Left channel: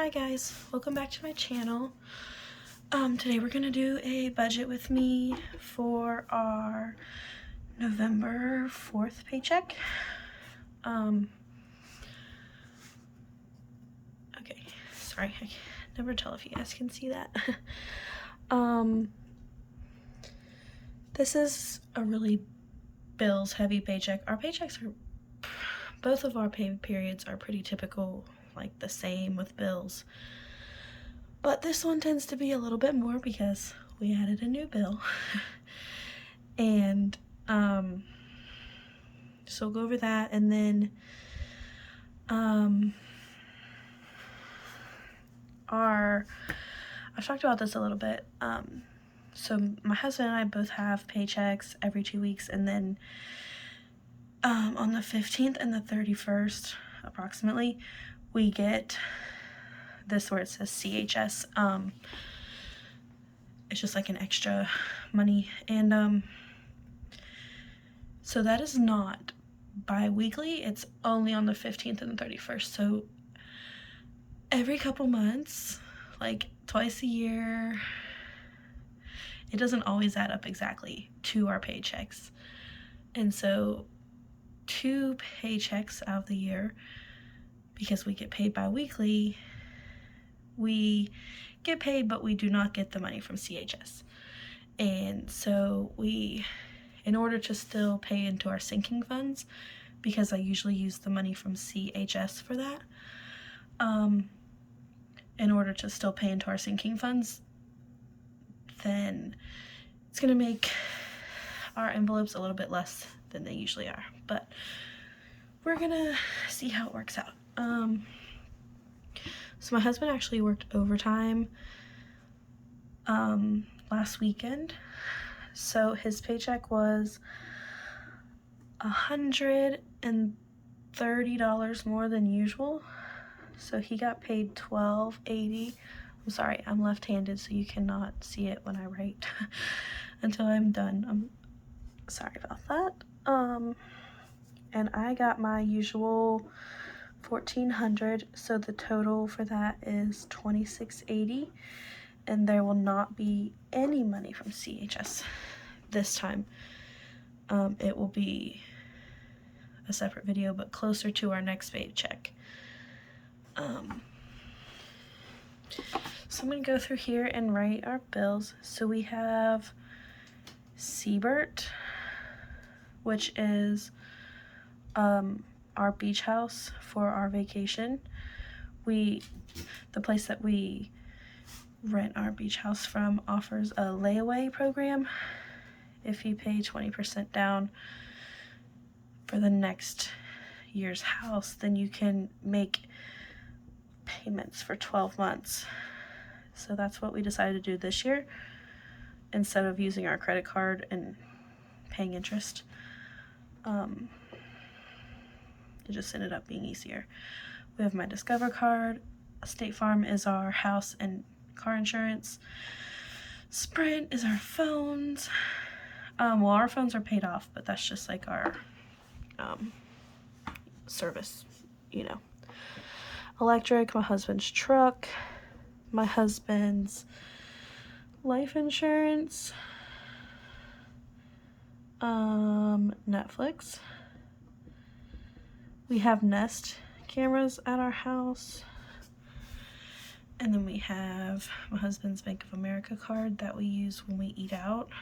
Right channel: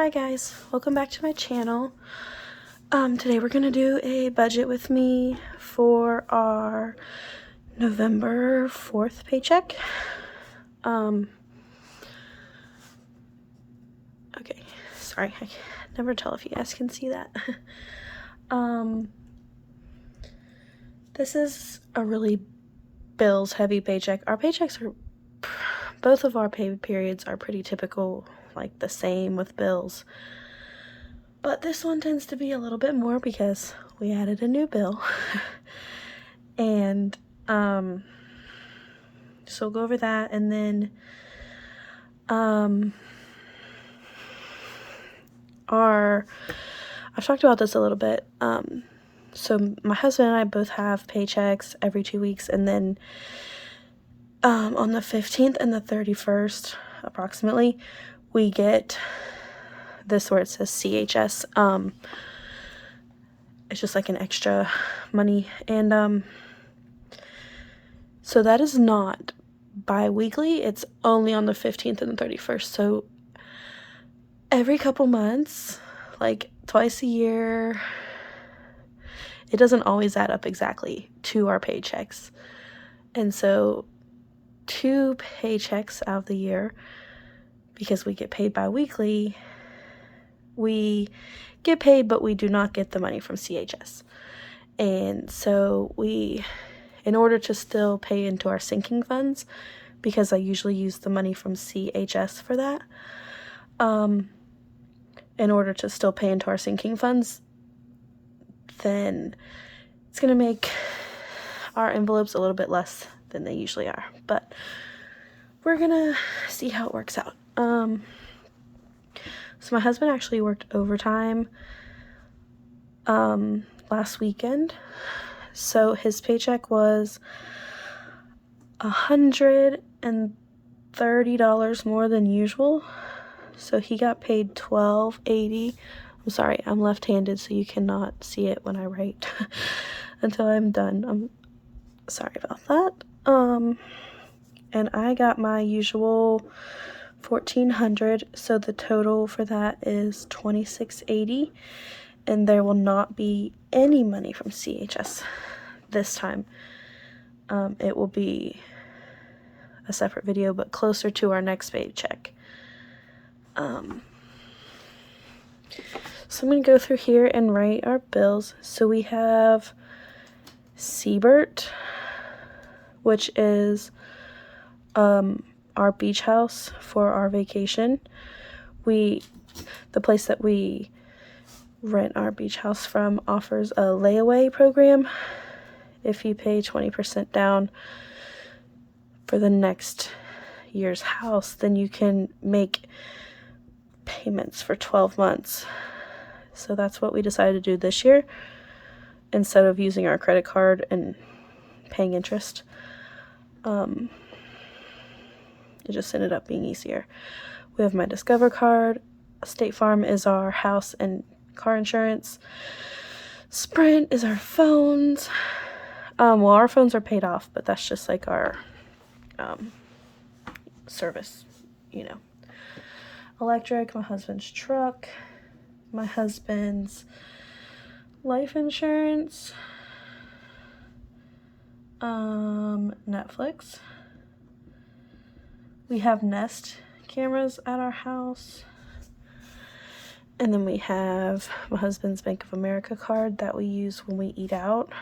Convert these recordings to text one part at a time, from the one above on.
Hi guys, welcome back to my channel. Today we're gonna do a budget with me for our November 4th paycheck. Okay, sorry, I can never tell if you guys can see that. This is a really bills heavy paycheck. Our paychecks are, both of our pay periods are pretty typical, like the same with bills. But this one tends to be a little bit more because we added a new bill. And so we'll go over that, and then I've talked about this a little bit. So my husband and I both have paychecks every 2 weeks, and then on the 15th and the 31st approximately we get this where it says CHS. It's just like an extra money, and so that is not bi-weekly, it's only on the 15th and the 31st. So every couple months, like twice a year, it doesn't always add up exactly to our paychecks. And so 2 paychecks out of the year, because we get paid bi-weekly, we get paid, but we do not get the money from CHS. And so we, in order to still pay into our sinking funds, because I usually use the money from CHS for that, in order to still pay into our sinking funds, then it's going to make our envelopes a little bit less than they usually are. But we're going to see how it works out. So my husband actually worked overtime last weekend. So his paycheck was $130 more than usual. So he got paid $12.80. I'm sorry, I'm left-handed, so you cannot see it when I write until I'm done. I'm sorry about that. And I got my usual $1,400, so the total for that is $26.80, and there will not be any money from CHS this time. It will be a separate video, but closer to our next paycheck. So I'm going to go through here and write our bills. So we have Siebert, which is our beach house for our vacation. The place that we rent our beach house from offers a layaway program. If you pay 20% down for the next year's house, then you can make payments for 12 months. So that's what we decided to do this year, instead of using our credit card and paying interest. It just ended up being easier. We have my Discover card. State Farm is our house and car insurance. Sprint is our phones. Well, our phones are paid off, but that's just like our service, you know. Electric, my husband's truck, my husband's life insurance, Netflix. We have Nest cameras at our house. And then we have my husband's Bank of America card that we use when we eat out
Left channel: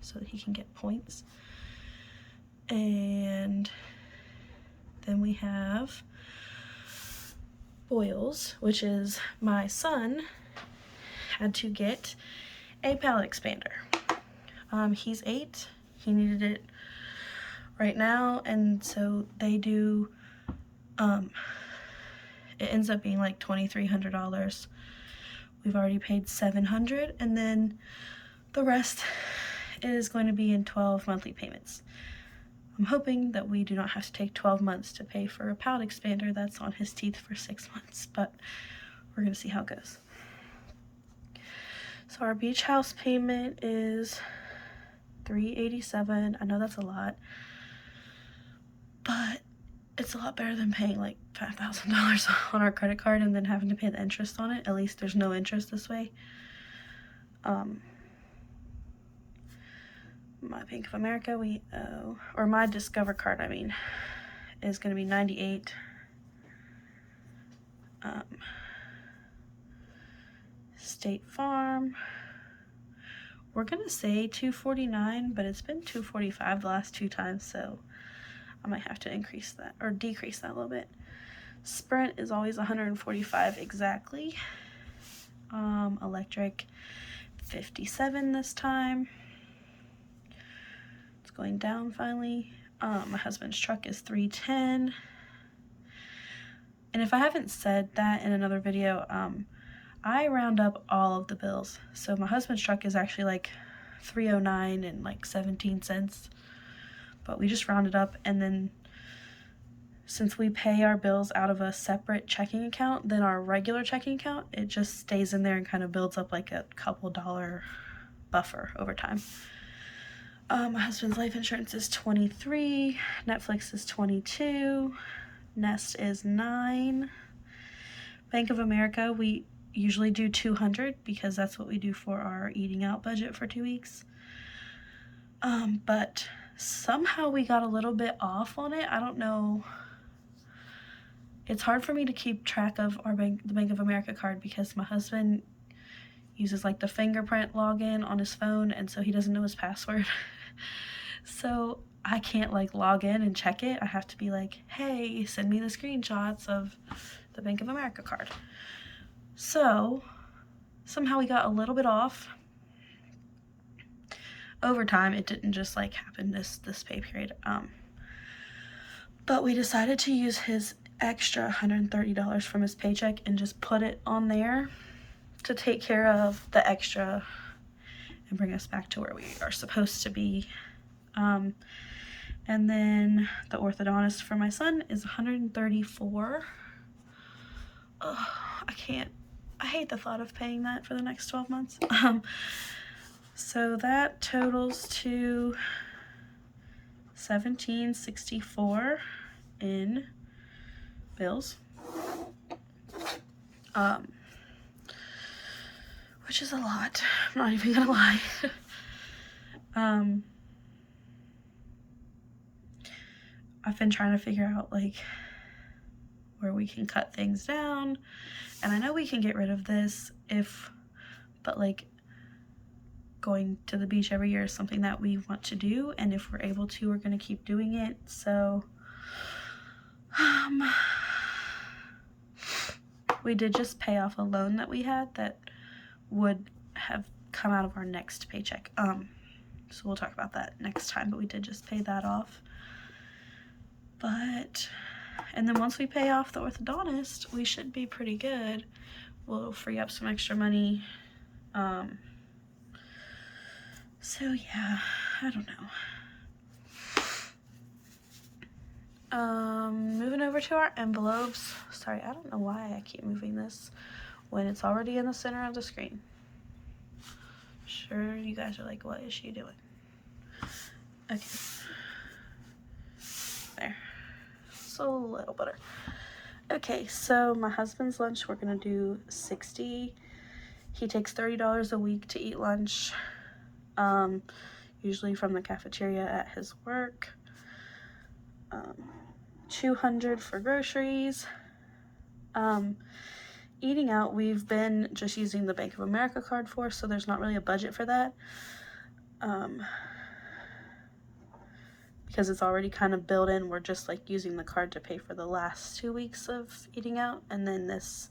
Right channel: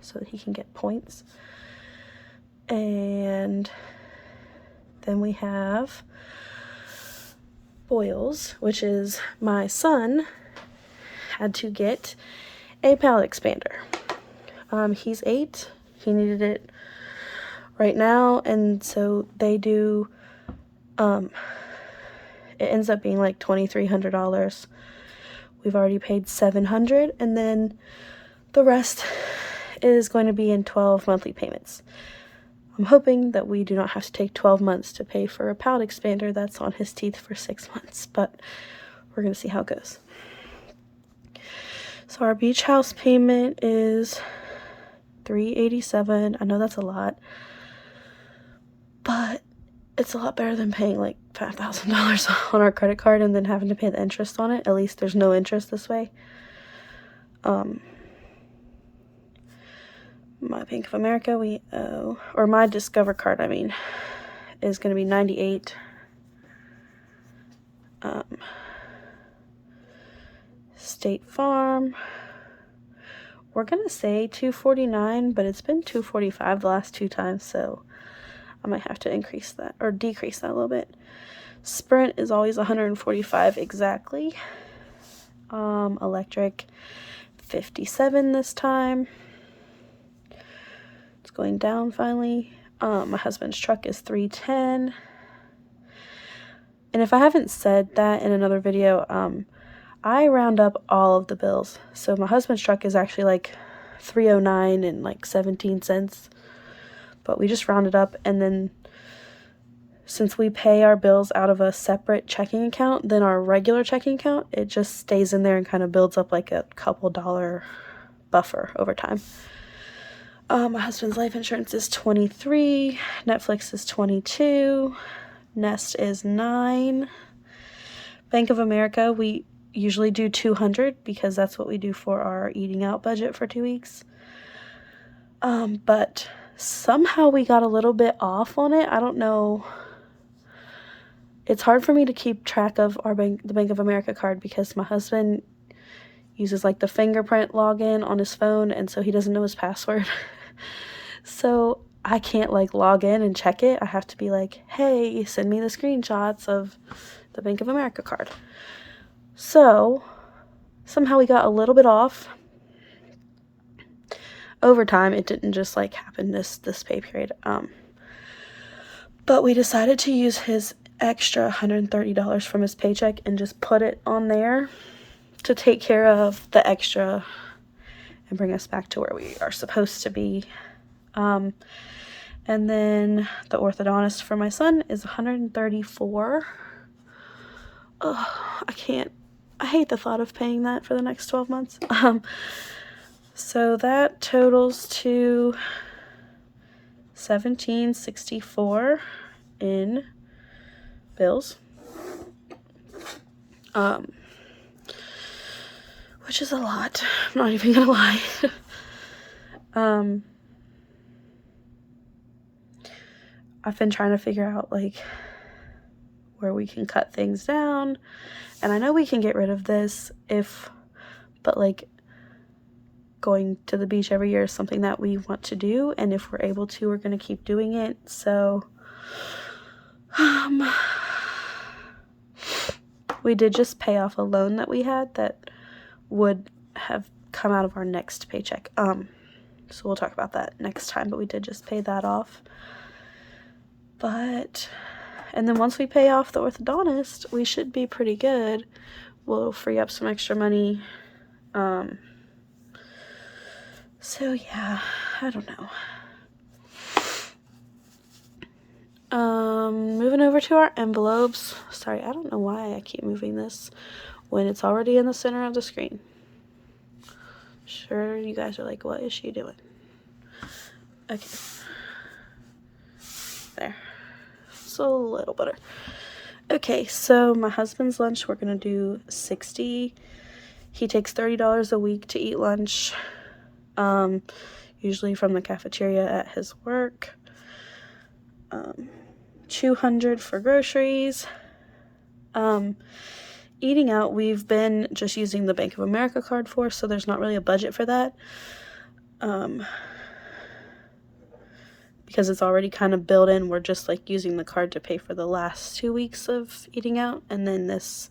so that he can get points. And then we have Boyles, which is my son had to get a palate expander. He's 8. He needed it right now, and so they do, it ends up being like $2,300. We've already paid $700, and then the rest is going to be in 12 monthly payments. I'm hoping that we do not have to take 12 months to pay for a palate expander that's on his teeth for 6 months, but we're going to see how it goes. So our beach house payment is $387. I know that's a lot, but it's a lot better than paying like $5,000 on our credit card and then having to pay the interest on it. At least there's no interest this way. My Bank of America, we owe, or my Discover card, I mean, is going to be $98. State Farm, we're going to say $249, but it's been $245 the last 2 times, so I might have to increase that, or decrease that a little bit. Sprint is always $145 exactly. Electric, $57 this time. It's going down finally. My husband's truck is $310. And if I haven't said that in another video, I round up all of the bills. So my husband's truck is actually like $309 and like 17 cents. But we just round it up, and then since we pay our bills out of a separate checking account than our regular checking account, it just stays in there and kind of builds up like a couple dollar buffer over time. My husband's life insurance is $23, Netflix is $22, Nest is $9. Bank of America, we usually do $200 because that's what we do for our eating out budget for 2 weeks. But somehow we got a little bit off on it. I don't know. It's hard for me to keep track of the Bank of America card because my husband uses like the fingerprint login on his phone, and so he doesn't know his password. So I can't like log in and check it. I have to be like, hey, send me the screenshots of the Bank of America card. So somehow we got a little bit off. Over time, it didn't just like happen this pay period. But we decided to use his extra $130 from his paycheck and just put it on there to take care of the extra and bring us back to where we are supposed to be. And then the orthodontist for my son is $134. Ugh, I hate the thought of paying that for the next 12 months. So that totals to $1,764 in bills, which is a lot. I'm not even gonna lie. I've been trying to figure out like where we can cut things down, and I know we can get rid of this but like going to the beach every year is something that we want to do, and if we're able to, we're going to keep doing it. So we did just pay off a loan that we had that would have come out of our next paycheck. So we'll talk about that next time, but we did just pay that off. And then once we pay off the orthodontist, we should be pretty good. We'll free up some extra money. So yeah, I don't know. Moving over to our envelopes. Sorry, I don't know why I keep moving this when it's already in the center of the screen. Sure, you guys are like, what is she doing? Okay. There. It's a little better. Okay, so my husband's lunch, we're gonna do $60. He takes $30 a week to eat lunch. Usually from the cafeteria at his work. $200 for groceries. Eating out, we've been just using the Bank of America card for, so there's not really a budget for that. Because it's already kind of built in, we're just like using the card to pay for the last 2 weeks of eating out, and then this,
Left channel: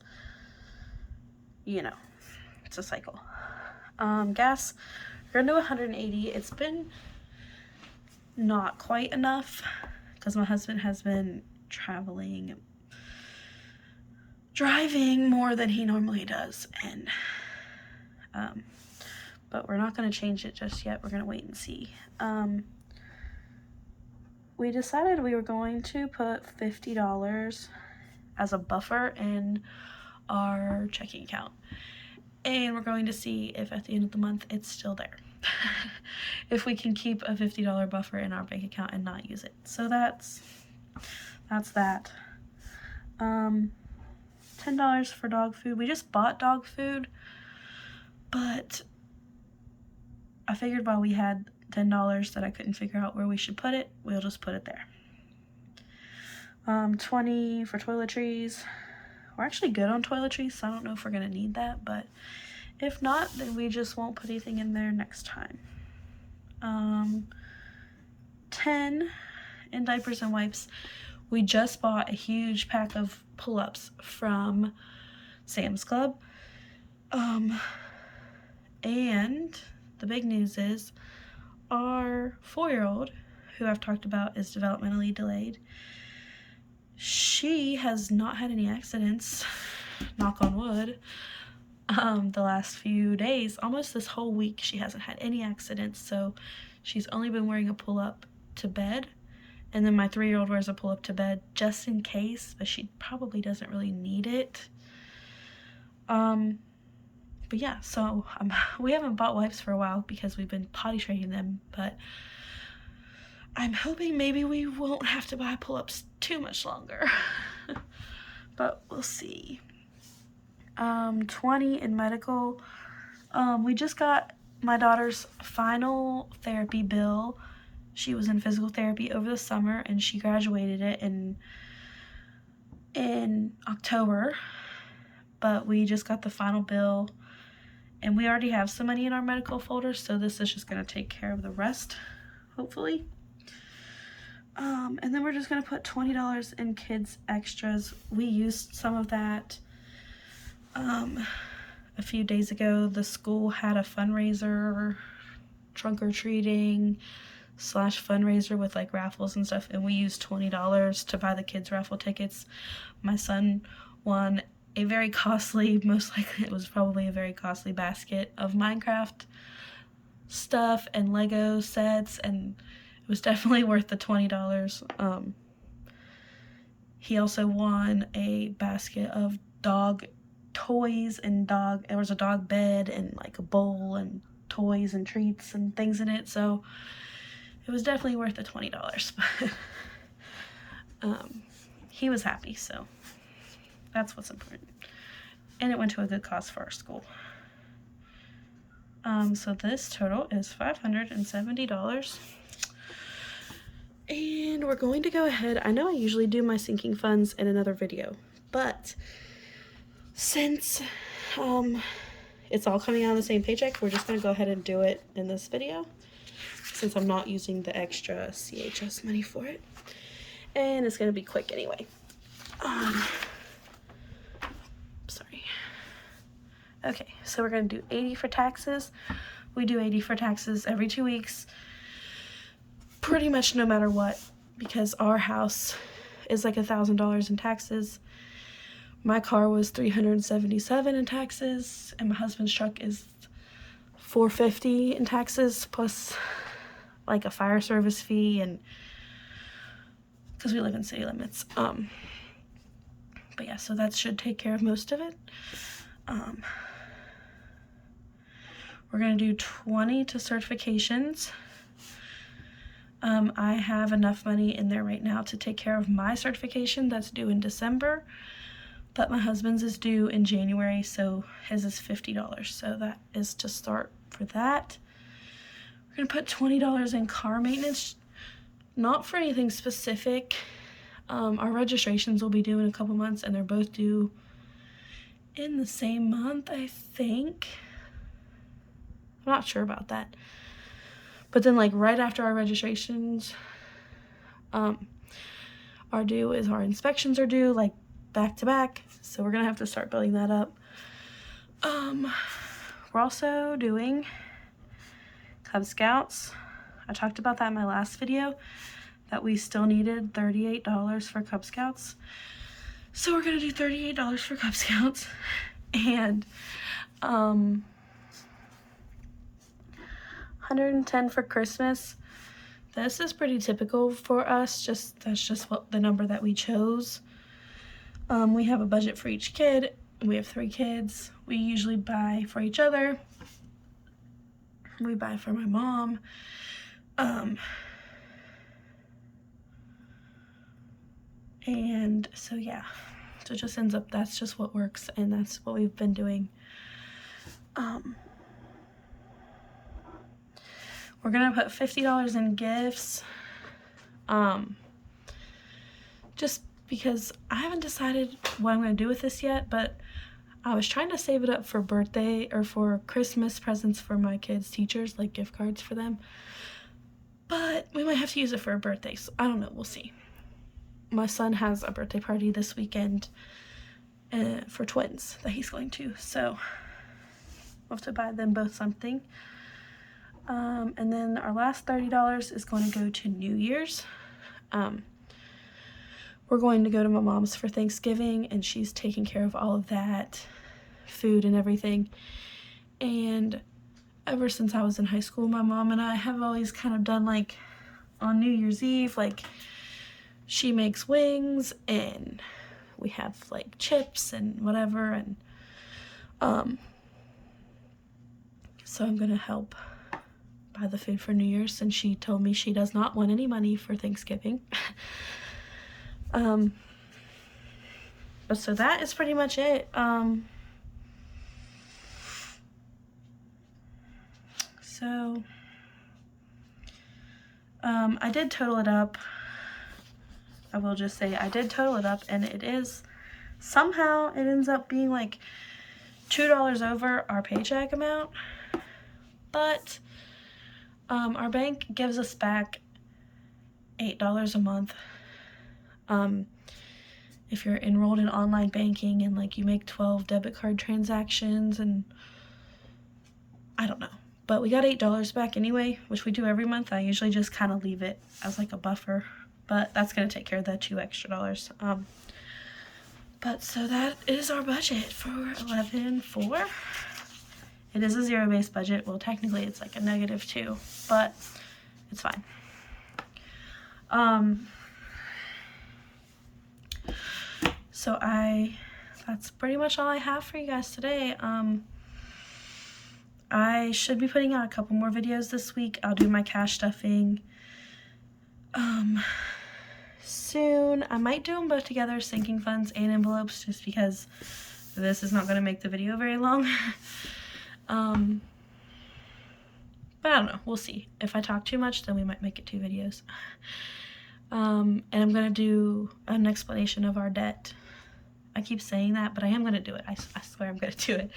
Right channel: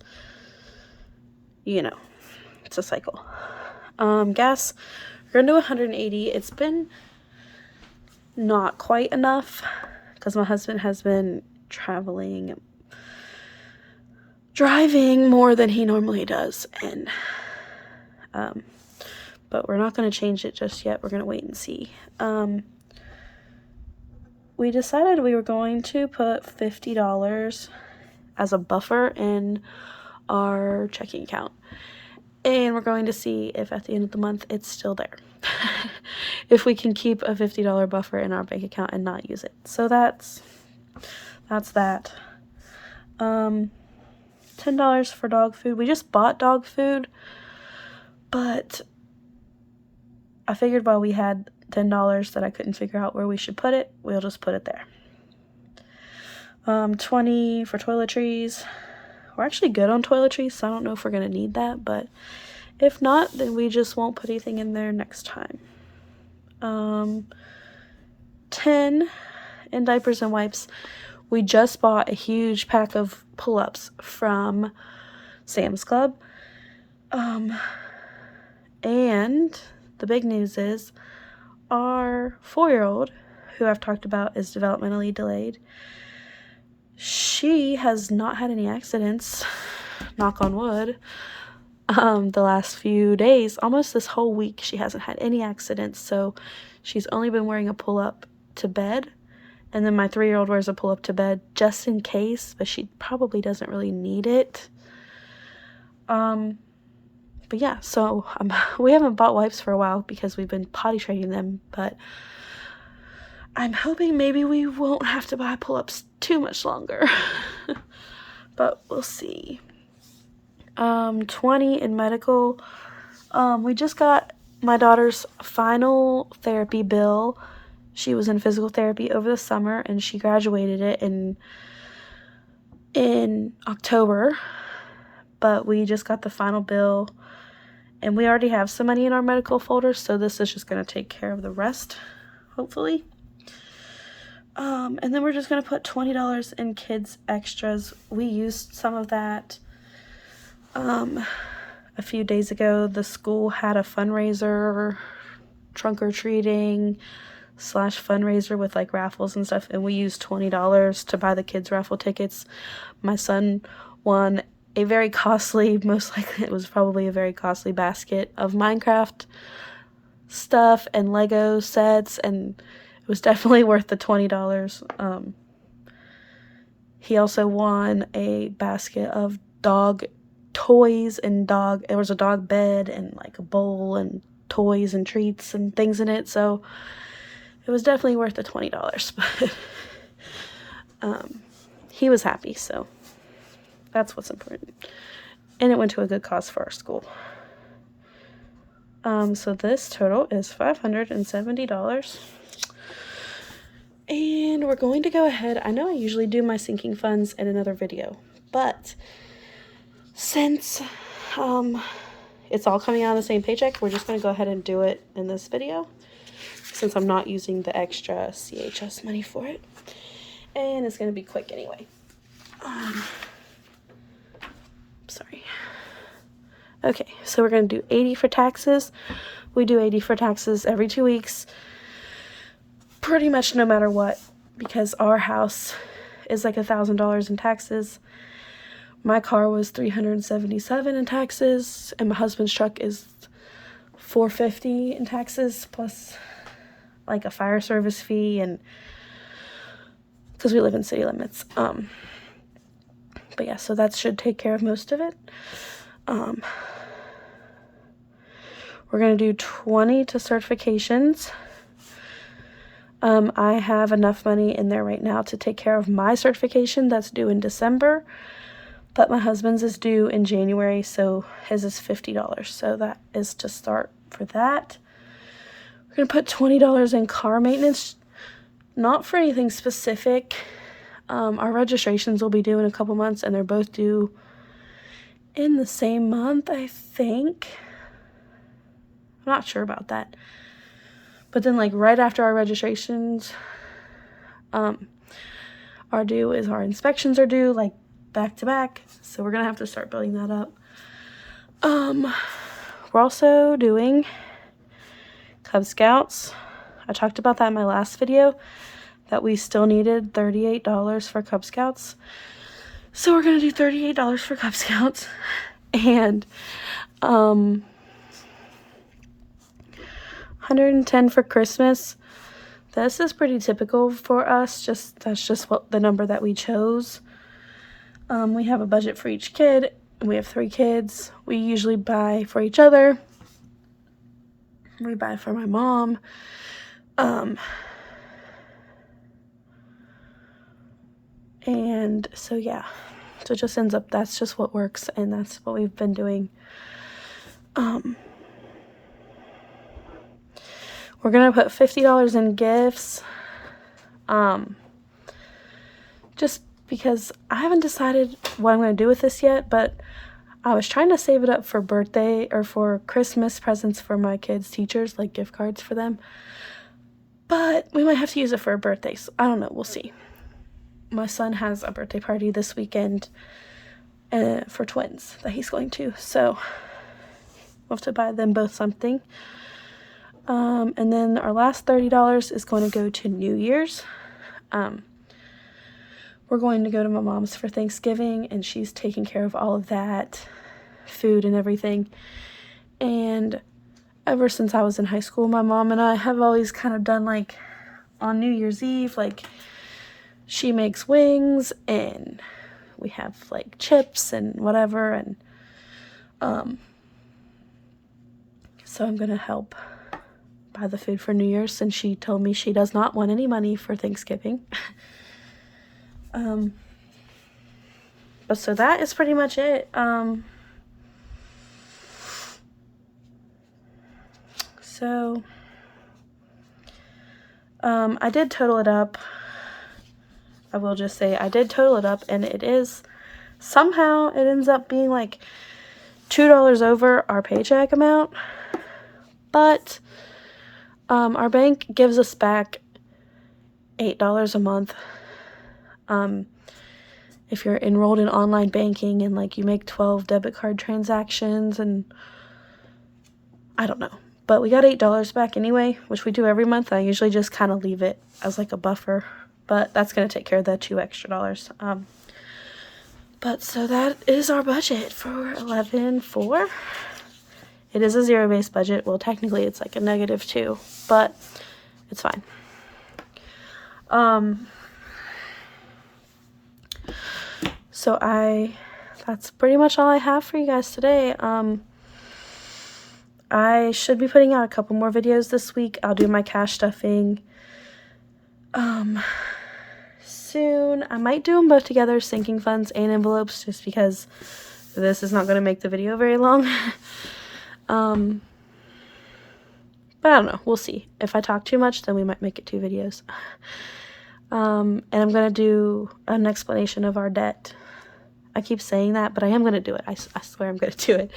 it's a cycle. Gas, we're gonna do $180. It's been not quite enough because my husband has been driving more than he normally does, and but we're not going to change it just yet. We're going to wait and see. We decided we were going to put $50 as a buffer in our checking account, and we're going to see if at the end of the month it's still there. If we can keep a $50 buffer in our bank account and not use it. So that's that's that. $10 for dog food. We just bought dog food, but I figured while we had $10 that I couldn't figure out where we should put it, we'll just put it there. 20 for toiletries. We're actually good on toiletries, so I don't know if we're going to need that, but if not, then we just won't put anything in there next time. 10 in diapers and wipes. We just bought a huge pack of pull-ups from Sam's Club. And the big news is our 4-year-old, who I've talked about is developmentally delayed, she has not had any accidents, knock on wood, the last few days. Almost this whole week she hasn't had any accidents, so she's only been wearing a pull-up to bed, and then my 3-year-old wears a pull-up to bed just in case, but she probably doesn't really need it. But yeah, so we haven't bought wipes for a while because we've been potty training them, but I'm hoping maybe we won't have to buy pull-ups too much longer. But we'll see. 20 in medical. We just got my daughter's final therapy bill. She was in physical therapy over the summer, and she graduated it in October. But we just got the final bill, and we already have some money in our medical folder, so this is just going to take care of the rest, hopefully. And then we're just going to put $20 in kids extras. We used some of that a few days ago. The school had a fundraiser, trunk or treating / fundraiser with like raffles and stuff, and we used $20 to buy the kids raffle tickets. My son won a very costly, most likely it was probably a very costly basket of Minecraft stuff and Lego sets, and it was definitely worth the $20. He also won a basket of dog toys and there was a dog bed and like a bowl and toys and treats and things in it, so it was definitely worth the $20. But he was happy, so that's what's important. And it went to a good cause for our school. So this total is $570. And we're going to go ahead. I know I usually do my sinking funds in another video, but since it's all coming out of the same paycheck, we're just going to go ahead and do it in this video, since I'm not using the extra CHS money for it. And it's going to be quick anyway. Sorry. Okay, so we're going to do 80 for taxes. We do 80 for taxes every 2 weeks, pretty much no matter what, because our house is like $1,000 in taxes. My car was $377 in taxes, and my husband's truck is $450 in taxes, plus like a fire service fee, and because we live in city limits. But yeah, so that should take care of most of it. We're going to do 20 to certifications. I have enough money in there right now to take care of my certification that's due in December, but my husband's is due in January, so his is $50. So that is to start for that. We're going to put $20 in car maintenance, not for anything specific. Our registrations will be due in a couple months, and they're both due in the same month, I think. I'm not sure about that. But then, like, right after our registrations are due is our inspections are due, like, back to back. So we're going to have to start building that up. We're also doing Cub Scouts. I talked about that in my last video, that we still needed $38 for Cub Scouts. So we're going to do $38 for Cub Scouts. And, 110 for Christmas. This is pretty typical for us. That's just what the number that we chose. We have a budget for each kid. We have 3 kids. We usually buy for each other. We buy for my mom. And so yeah, so it just ends up, that's just what works, and that's what we've been doing. We're gonna put $50 in gifts, just because I haven't decided what I'm gonna do with this yet, but I was trying to save it up for birthday or for Christmas presents for my kids' teachers, like gift cards for them. But we might have to use it for a birthday, so I don't know, we'll see. My son has a birthday party this weekend for twins that he's going to, so we'll have to buy them both something. And then our last $30 is going to go to New Year's. We're going to go to my mom's for Thanksgiving, and she's taking care of all of that, food and everything. And ever since I was in high school, my mom and I have always kind of done, like, on New Year's Eve, like, she makes wings, and we have, like, chips and whatever, and, so I'm gonna help buy the food for New Year's, since she told me she does not want any money for Thanksgiving. But so that is pretty much it. I did total it up. I will just say I did total it up, and it is, somehow it ends up being like $2 over our paycheck amount, but our bank gives us back $8 a month if you're enrolled in online banking and like you make 12 debit card transactions, and I don't know, but we got $8 back anyway, which we do every month. I usually just kind of leave it as like a buffer, but that's going to take care of the $2 extra. But so that is our budget for 11/4. It is a zero-based budget. Well, technically it's like a -2, but it's fine. So that's pretty much all I have for you guys today. I should be putting out a couple more videos this week. I'll do my cash stuffing soon. I might do them both together, sinking funds and envelopes, just because this is not going to make the video very long. But I don't know, we'll see. If I talk too much, then we might make it 2 videos. And I'm going to do an explanation of our debt. I keep saying that, but I am going to do it. I swear I'm going to do it.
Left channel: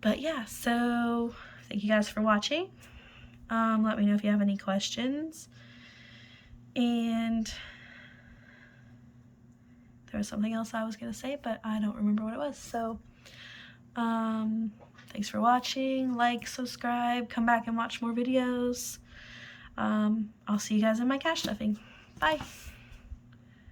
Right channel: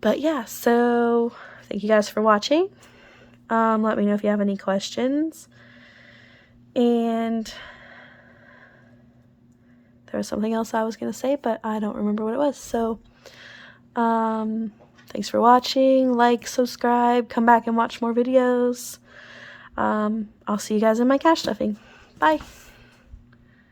But yeah, so thank you guys for watching. Let me know if you have any questions. And there was something else I was going to say, but I don't remember what it was. So, thanks for watching. Like, subscribe, come back and watch more videos. I'll see you guys in my cash stuffing. Bye.